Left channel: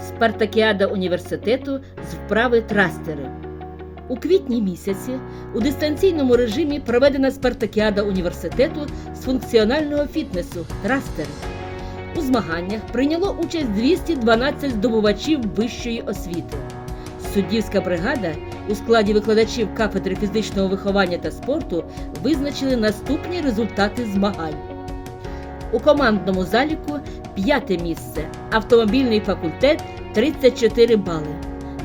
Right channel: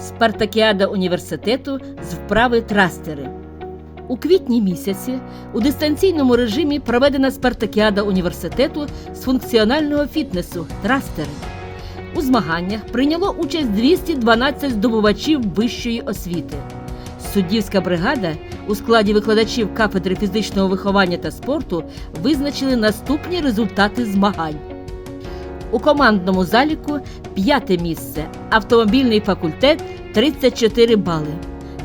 Спартакіада університету з вправи трастери. У квітні місяці у дистанційному режимі проведена спартакіада університету з функціонального фітнесу трастери. У змаганнях прийняло участь 212 здобувачів вищої освіти. Суддівська бригада у складі викладачів кафедри фізичного виховання та спорту визначили наступні результати змагань. У командному заліку п'яте місце автомобільний факультет 34 бали.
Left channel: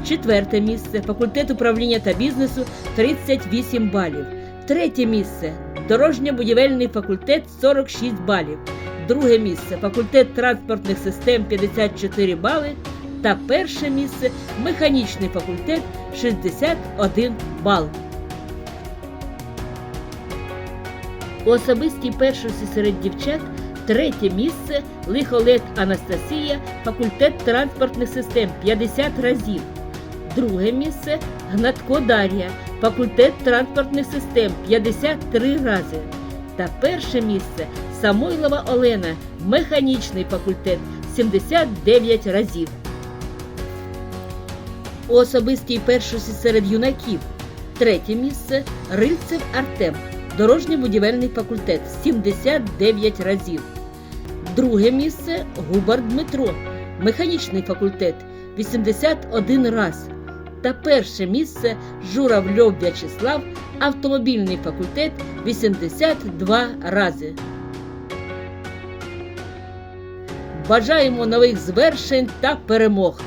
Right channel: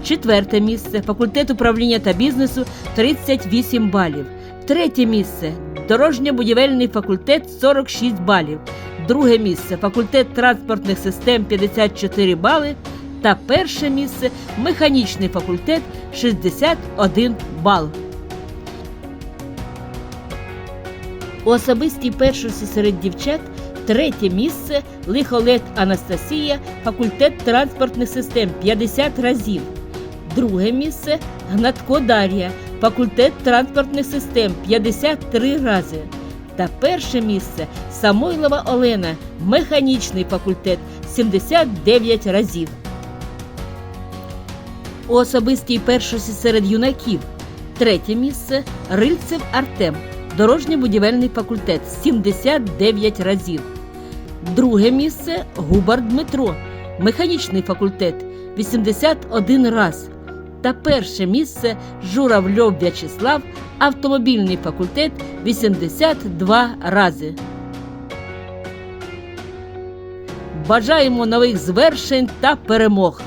Четверте місце факультет управління та бізнесу 38 балів. Третє місце дорожньо-будівельний факультет 46 балів. Друге місце факультет транспортних систем 54 бали. Та перше місце механічний факультет 61 бал. У особистій першості серед дівчат третє місце Лихолет Анастасія, факультет транспортних систем 50 разів. Друге місце Гнатко Дар'я, факультет транспортних систем 53 рази. Та перше місце Самойлова Олена, механічний факультет 79 разів. У особистій першості серед юнаків третє місце Рильцев Артем, дорожньо-будівельний факультет 79 разів. Друге місце Губар Дмитро, механічний факультет 81 раз. Та перше місце Журавльов В'ячеслав, автомобільний факультет 82 рази. Бажаємо нових звершень та перемог!